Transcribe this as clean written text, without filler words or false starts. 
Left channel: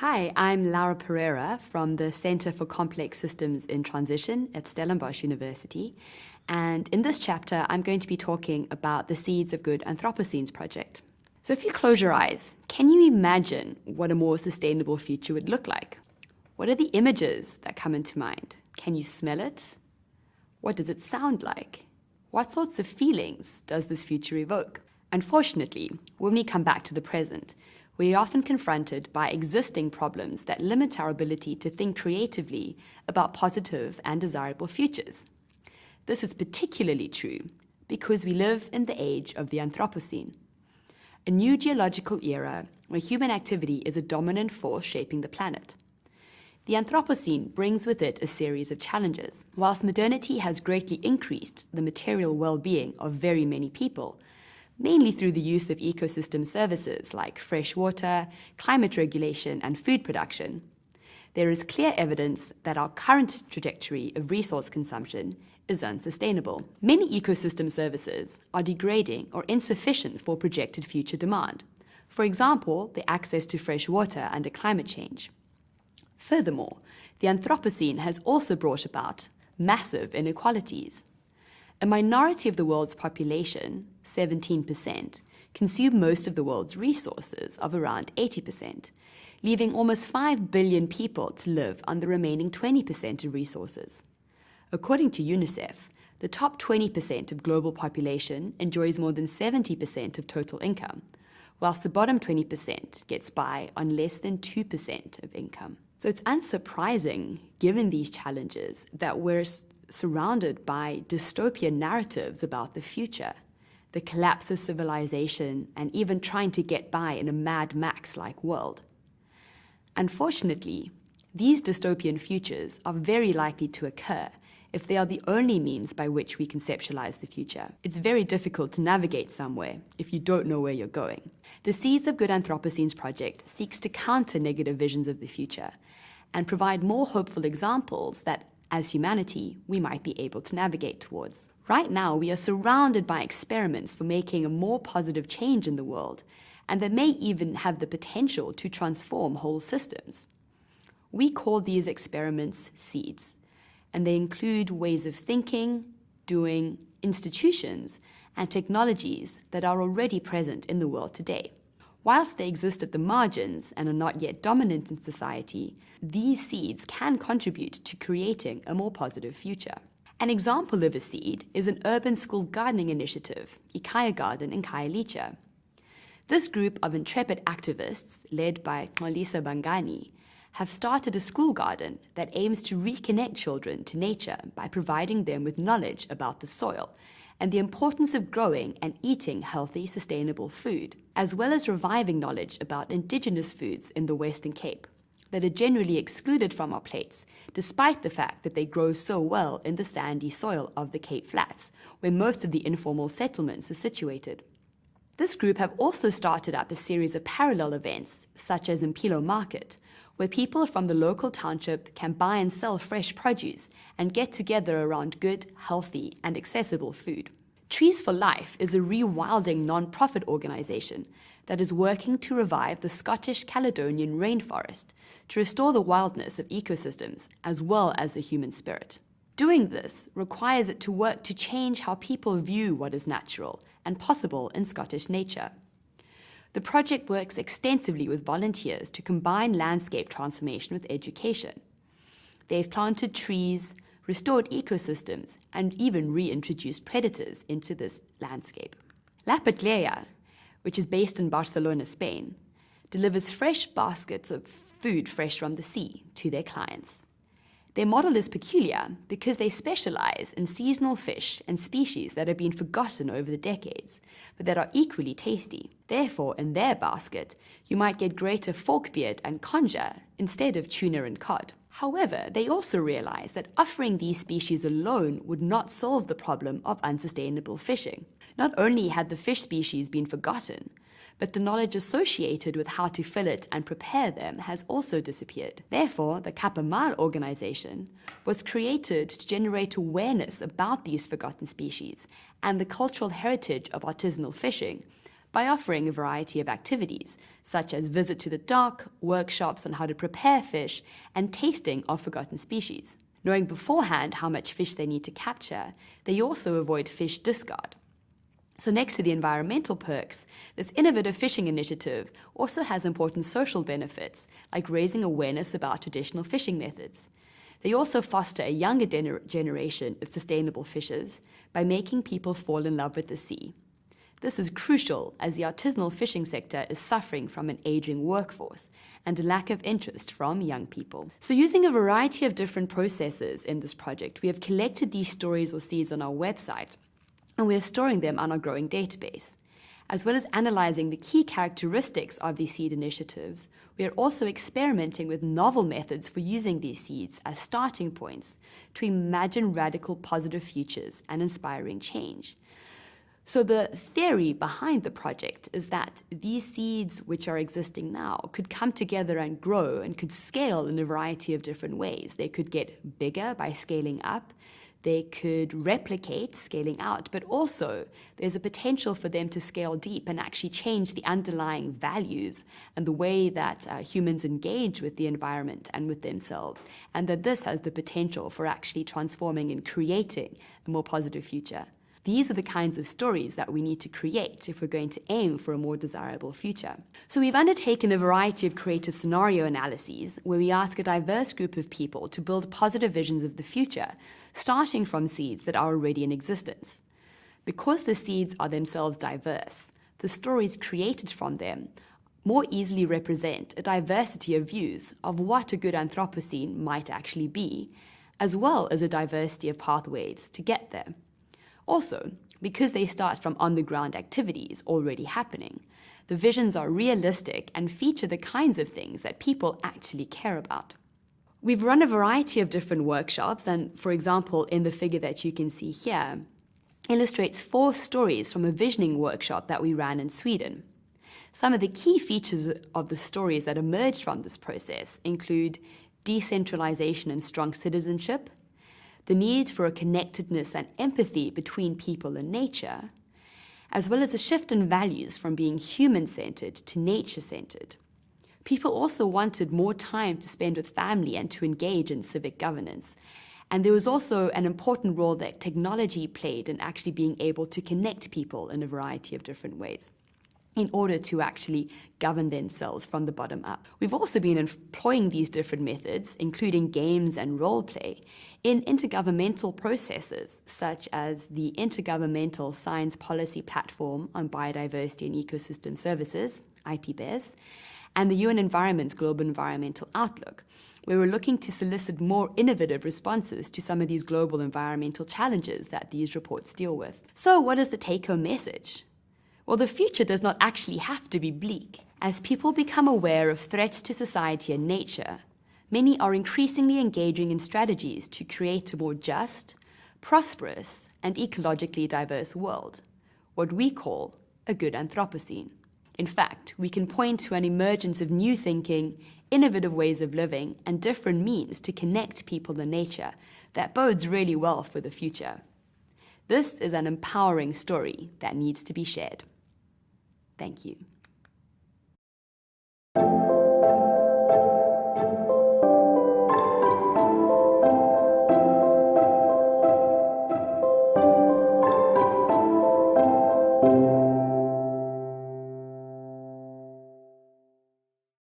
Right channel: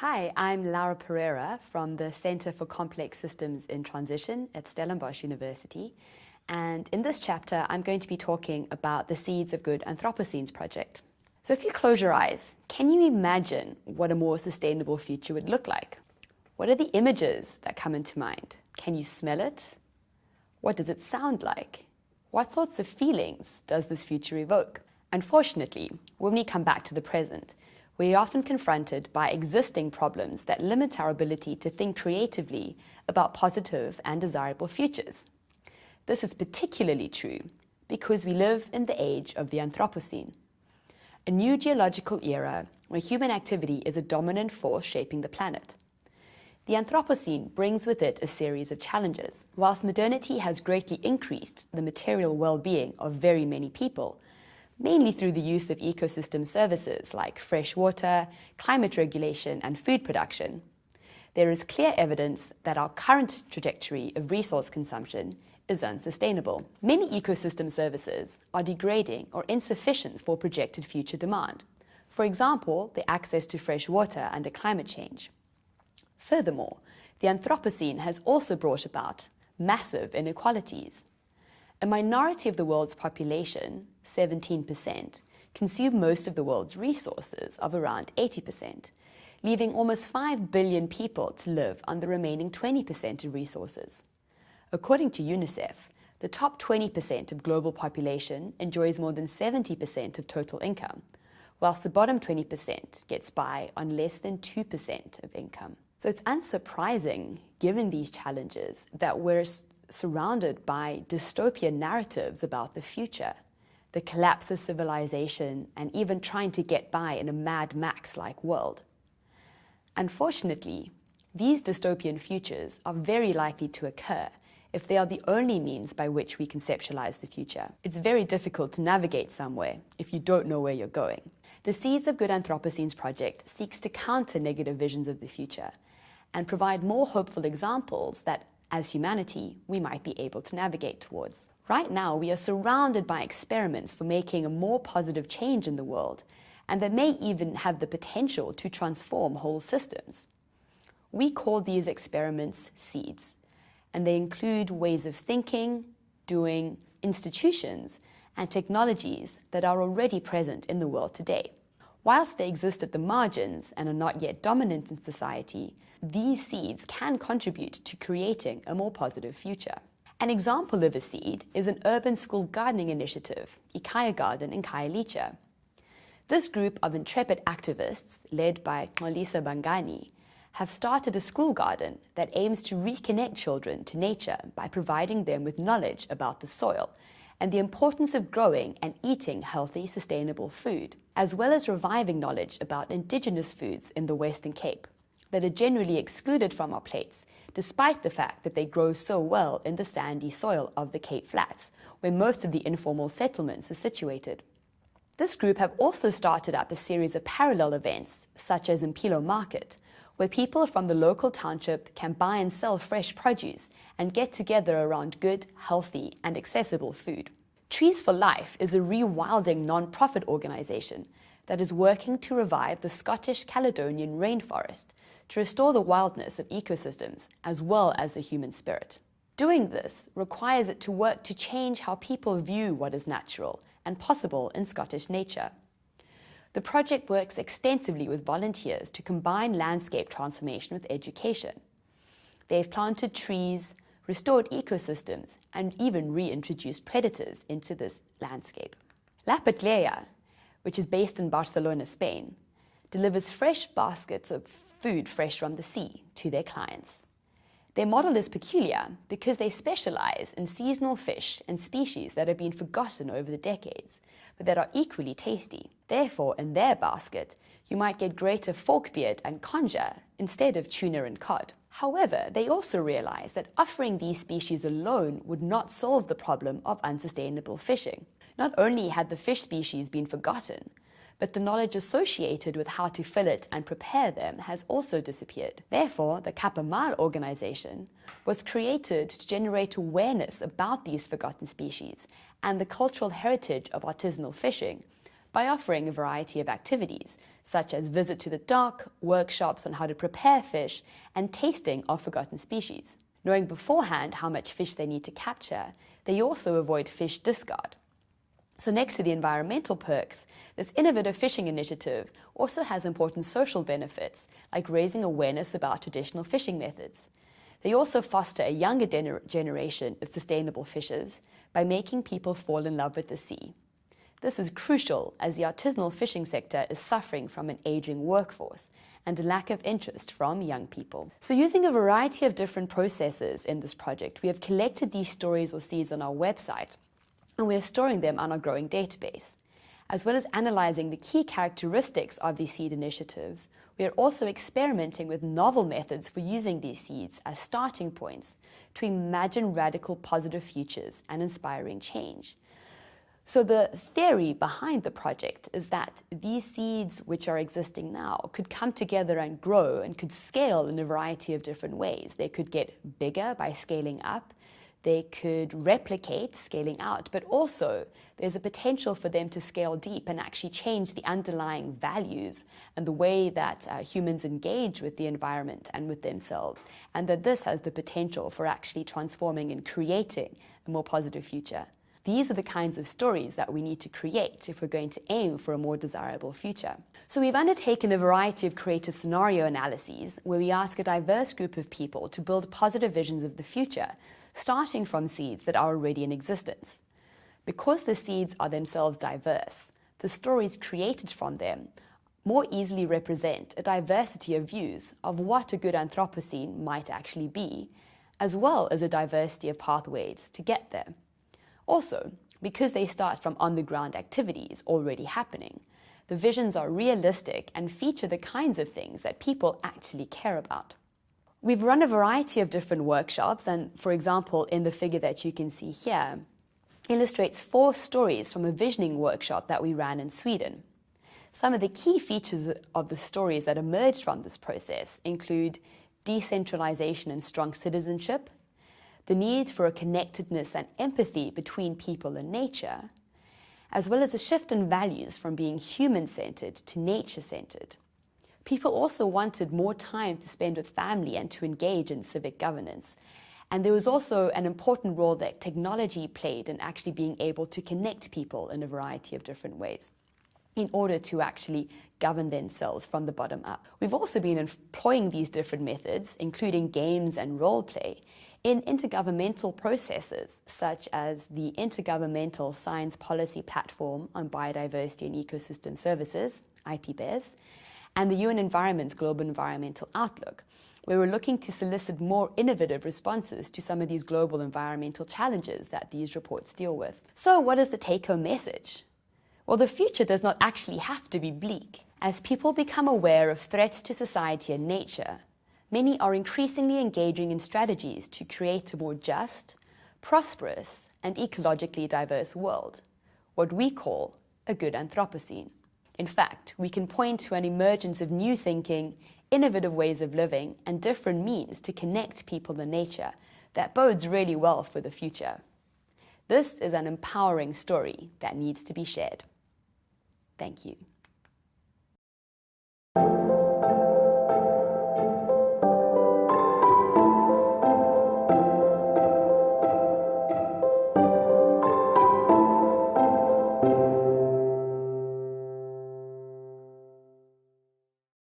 Hi, I'm Laura Pereira from the Center for Complex Systems in Transition at Stellenbosch University. And in this chapter, I'm going to be talking about the Seeds of Good Anthropocenes project. So if you close your eyes, can you imagine what a more sustainable future would look like? What are the images that come into mind? Can you smell it? What does it sound like? What sorts of feelings does this future evoke? Unfortunately, when we come back to the present, we are often confronted by existing problems that limit our ability to think creatively about positive and desirable futures. This is particularly true because we live in the age of the Anthropocene, a new geological era where human activity is a dominant force shaping the planet. The Anthropocene brings with it a series of challenges. Whilst modernity has greatly increased the material well-being of very many people, mainly through the use of ecosystem services like fresh water, climate regulation, and food production, there is clear evidence that our current trajectory of resource consumption is unsustainable. Many ecosystem services are degrading or insufficient for projected future demand. For example, the access to fresh water under climate change. Furthermore, the Anthropocene has also brought about massive inequalities. A minority of the world's population, 17%, consume most of the world's resources of around 80%, leaving almost 5 billion people to live on the remaining 20% of resources. According to UNICEF, the top 20% of global population enjoys more than 70% of total income, whilst the bottom 20% gets by on less than 2% of income. So it's unsurprising, given these challenges, that we're surrounded by dystopian narratives about the future, the collapse of civilization, and even trying to get by in a Mad Max-like world. Unfortunately, these dystopian futures are very likely to occur if they are the only means by which we conceptualize the future. It's very difficult to navigate somewhere if you don't know where you're going. The Seeds of Good Anthropocenes project seeks to counter negative visions of the future and provide more hopeful examples that, as humanity, we might be able to navigate towards. Right now, we are surrounded by experiments for making a more positive change in the world, and that may even have the potential to transform whole systems. We call these experiments seeds, and they include ways of thinking, doing, institutions, and technologies that are already present in the world today. Whilst they exist at the margins and are not yet dominant in society, these seeds can contribute to creating a more positive future. An example of a seed is an urban school gardening initiative, Ikaya Garden in Khayelitsha. This group of intrepid activists, led by Xolisa Bangani, have started a school garden that aims to reconnect children to nature by providing them with knowledge about the soil and the importance of growing and eating healthy, sustainable food, as well as reviving knowledge about indigenous foods in the Western Cape that are generally excluded from our plates, despite the fact that they grow so well in the sandy soil of the Cape Flats, where most of the informal settlements are situated. This group have also started up a series of parallel events, such as Impilo Market, where people from the local township can buy and sell fresh produce and get together around good, healthy, and accessible food. Trees for Life is a rewilding non-profit organization that is working to revive the Scottish Caledonian rainforest to restore the wildness of ecosystems as well as the human spirit. Doing this requires it to work to change how people view what is natural and possible in Scottish nature. The project works extensively with volunteers to combine landscape transformation with education. They've planted trees, restored ecosystems, and even reintroduced predators into this landscape. La Patleya, which is based in Barcelona, Spain, delivers fresh baskets of food fresh from the sea to their clients. Their model is peculiar because they specialize in seasonal fish and species that have been forgotten over the decades, but that are equally tasty. Therefore, in their basket, you might get greater forkbeard and conger instead of tuna and cod. However, they also realize that offering these species alone would not solve the problem of unsustainable fishing. Not only had the fish species been forgotten, but the knowledge associated with how to fillet and prepare them has also disappeared. Therefore, the Kapamar organization was created to generate awareness about these forgotten species and the cultural heritage of artisanal fishing by offering a variety of activities, such as visit to the dock, workshops on how to prepare fish, and tasting of forgotten species. Knowing beforehand how much fish they need to capture, they also avoid fish discard. So next to the environmental perks, this innovative fishing initiative also has important social benefits, like raising awareness about traditional fishing methods. They also foster a younger generation of sustainable fishers by making people fall in love with the sea. This is crucial as the artisanal fishing sector is suffering from an aging workforce and a lack of interest from young people. So using a variety of different processes in this project, we have collected these stories or seeds on our website, and we are storing them on our growing database. As well as analyzing the key characteristics of these seed initiatives, we are also experimenting with novel methods for using these seeds as starting points to imagine radical positive futures and inspiring change. So the theory behind the project is that these seeds which are existing now could come together and grow and could scale in a variety of different ways. They could get bigger by scaling up. They could replicate, scaling out, but also there's a potential for them to scale deep and actually change the underlying values and the way that humans engage with the environment and with themselves, and that this has the potential for actually transforming and creating a more positive future. These are the kinds of stories that we need to create if we're going to aim for a more desirable future. So we've undertaken a variety of creative scenario analyses where we ask a diverse group of people to build positive visions of the future, starting from seeds that are already in existence. Because the seeds are themselves diverse, the stories created from them more easily represent a diversity of views of what a good Anthropocene might actually be, as well as a diversity of pathways to get there. Also, because they start from on-the-ground activities already happening, the visions are realistic and feature the kinds of things that people actually care about. We've run a variety of different workshops, and for example, in the figure that you can see here, illustrates 4 stories from a visioning workshop that we ran in Sweden. Some of the key features of the stories that emerged from this process include decentralization and strong citizenship, the need for a connectedness and empathy between people and nature, as well as a shift in values from being human-centered to nature-centered. People also wanted more time to spend with family and to engage in civic governance. And there was also an important role that technology played in actually being able to connect people in a variety of different ways in order to actually govern themselves from the bottom up. We've also been employing these different methods, including games and role play, in intergovernmental processes, such as the Intergovernmental Science Policy Platform on Biodiversity and Ecosystem Services, IPBES, and the UN Environment's Global Environmental Outlook, where we're looking to solicit more innovative responses to some of these global environmental challenges that these reports deal with. So what is the take-home message? Well, the future does not actually have to be bleak. As people become aware of threats to society and nature, many are increasingly engaging in strategies to create a more just, prosperous, and ecologically diverse world, what we call a good Anthropocene. In fact, we can point to an emergence of new thinking, innovative ways of living, and different means to connect people and nature that bodes really well for the future. This is an empowering story that needs to be shared. Thank you.